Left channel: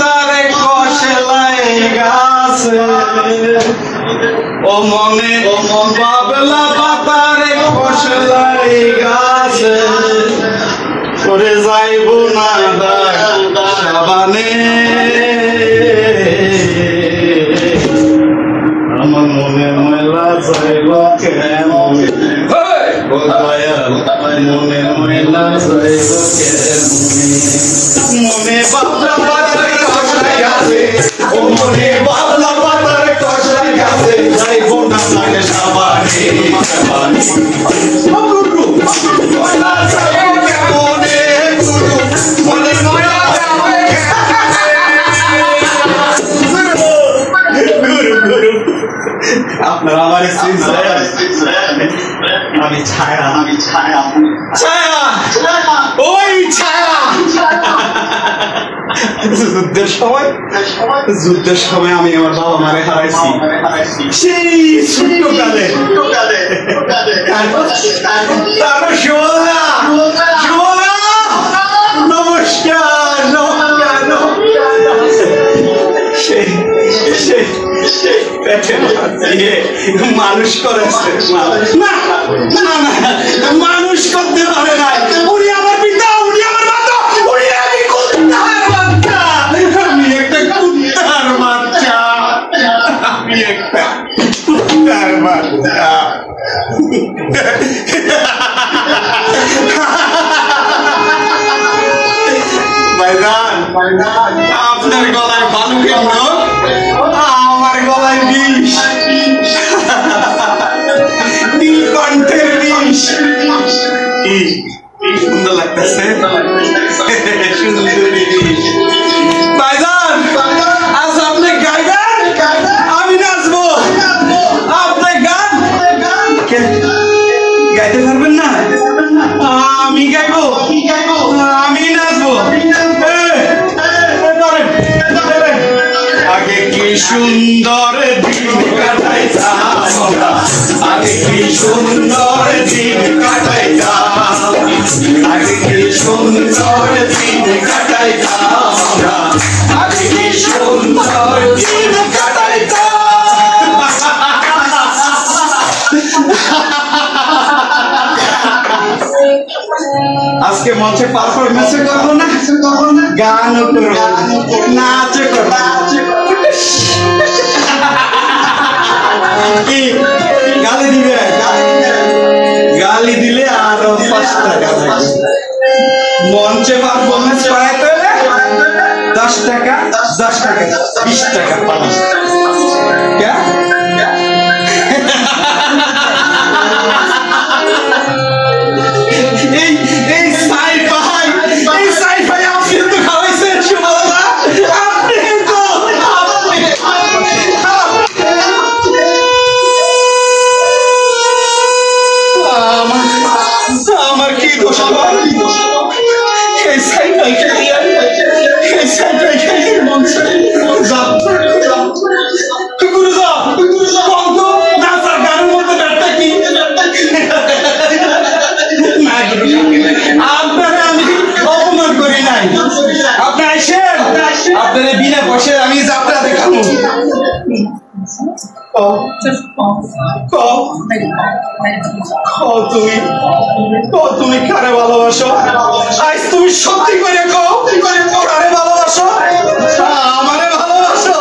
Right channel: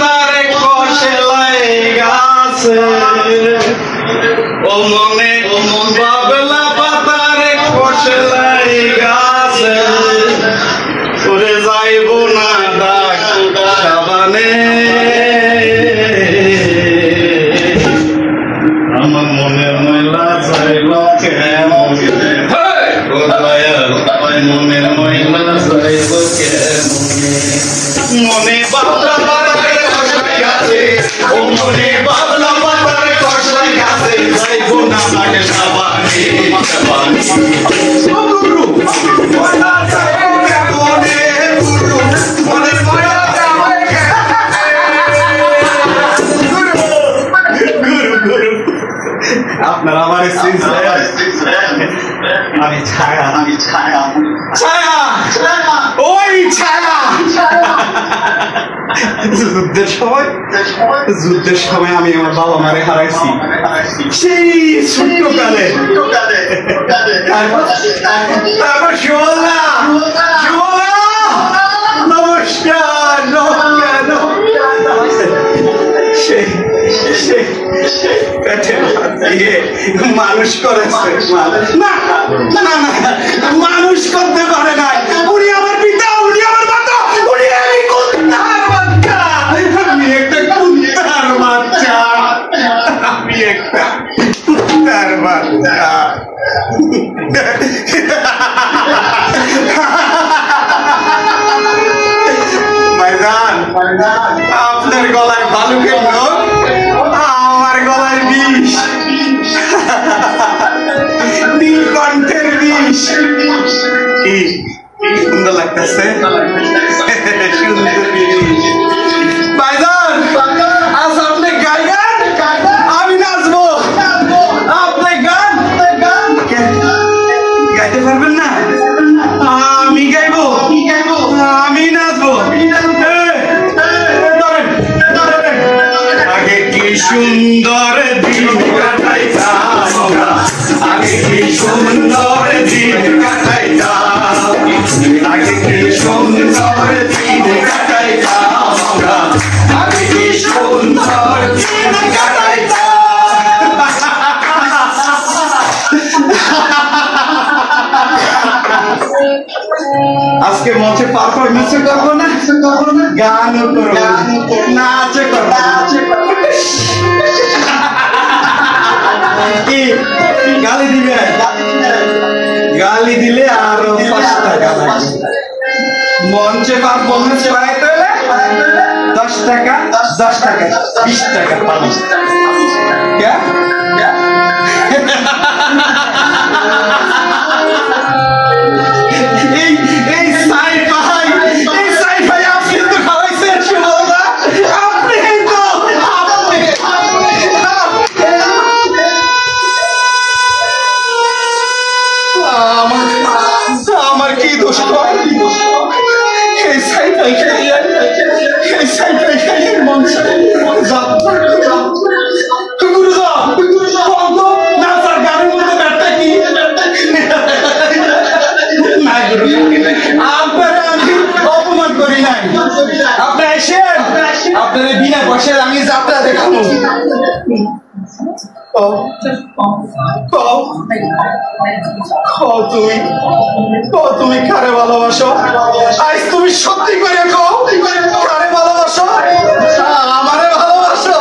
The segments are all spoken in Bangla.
তারে কষলাই গাছে ও মনে বাবলা পাতারে কষলাই গাছে করে যাইব না সাবানে আমার মনের ময়লা যাইব কেমন মনের ময়লা যাইব কেমন মনে বাবলা পাতারে কষলাই গাছে ও মনে বাবলা পাতারে কষলাই গাছে যাইব না সাবানে সাবানে গুরু ময়লা যাইব কেমনে গুরু মনের ময়লা গুরু আপনারা আমার আমি ছায়া ছায়া ওই ছায়া যুদ্ধের সময় আমি আমার বাবা মারে হারাইছি সেই ছোট্টকালে তারপর সুবলা নমস্কার সেই পেটে দিয়ে মানুষ করেছে না না না মানুষ করতে পারে নাই উনি আমার পিতা উনি আমার মাতা উনি আমি কুত্তার বাচ্চা আমি একটা কুত্তার বাচ্চা আমি একটা কুত্তার বাচ্চা ভাইজান আপনার গলায় ভালুকের নখ আমার গলায় বিষ নীলকণ্ঠের বিষ কি সুন্দর লাগতেছে সুন্দরী ভাইজান আজ আপনি গাইবেন আমি নাচবো আপনি গান গাইতে পারবেন না আমি গাইবো আমি নাচবো আগে কি সুন্দর দিন কাটাইতাম আগে কি সুন্দর দিন কাটাইতাম আগে কি সুন্দর দিন কাটাইতাম আগে কি সুন্দর দিন কাটাইতাম আজকে মঞ্চে পারফরমেন্স করবো না গান করবো নাচ করবো কি গালি দিবে গালি দিলে আরো 5 টাকা লাগবে মঞ্চে পারফরমেন্স করাইতে হলে 10 টাকা 20 টাকা পাবো আমার কি দোষ আপনারা আমি অপমান করি নাই আপনি আসেন আপনারা বিনা পয়সায় আমি যাত্রা দেখাবো তুমি কারে ভালোবাসো আজ তুমি সত্যি করে কও কারে ভালোবাসো আমারে ভালোবাসো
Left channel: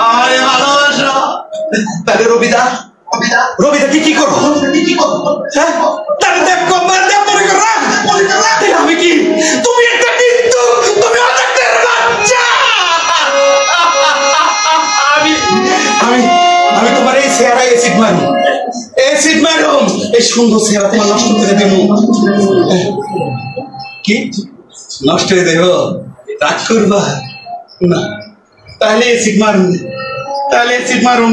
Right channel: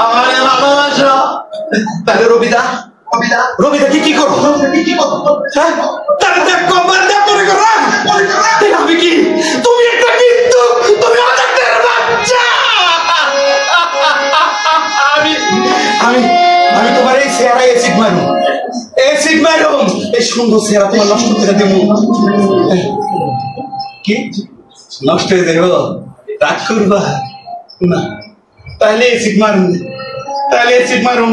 আমারে ভালোবাসো তাহলে রবিদা কি করবো হ্যাঁ তাহলে দেখ কম্বার দেখ মনে করো আমি কি তুমি একটা কিন্তু তুমি অজাতের বাচ্চা আমি তোমার এই চেহারা এসিড মারুম এই সুন্দর চেহারা তোমার নষ্ট করে দেবো কি নষ্ট হয়ে দেব রাগ করবা না তাহলে এসিড মারুম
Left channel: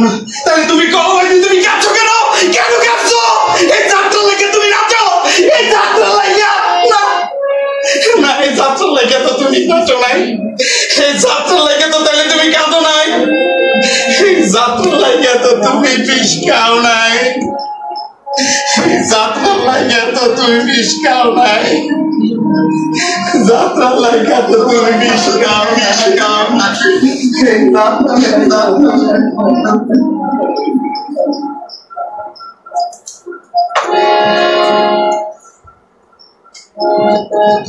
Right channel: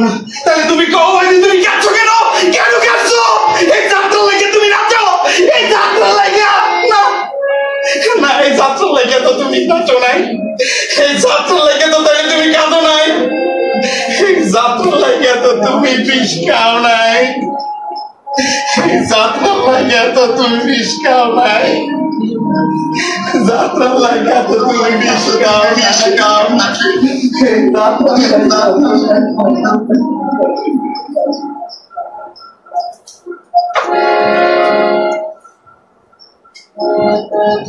না তাহলে তুমি কও তুমি কাঁদছো কেন কাঁদছো এই যাত্রা লাগে তুমি নাচো এই যাত্রা লাগে না এই যাত্রা লাগে তো তুমি নাচো নাই এই যাত্রা লাগে তো তাহলে তুমি কাঁদো নাই এই যাত্রা লাগিয়া তো তুমি বিষ খাও নাই, যাত্রা লাগিয়া তো তুমি বিষ খাও নাই, যাত্রা লাগিয়া তো তুমি বিষ খাও না।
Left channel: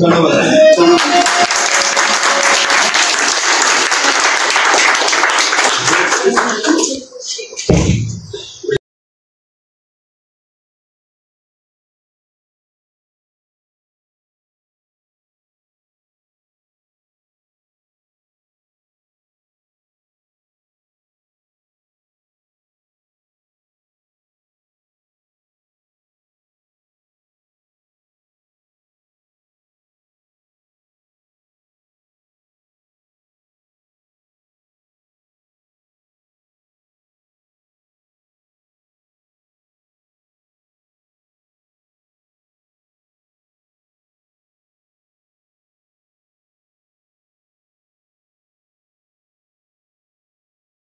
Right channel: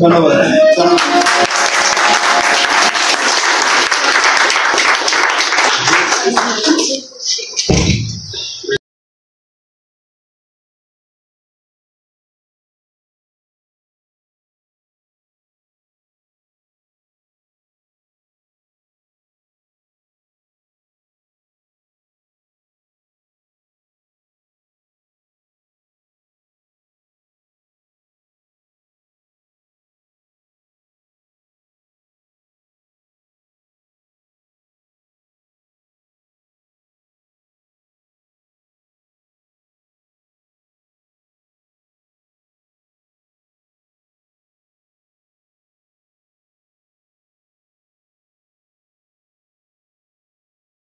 ধন্যবাদ।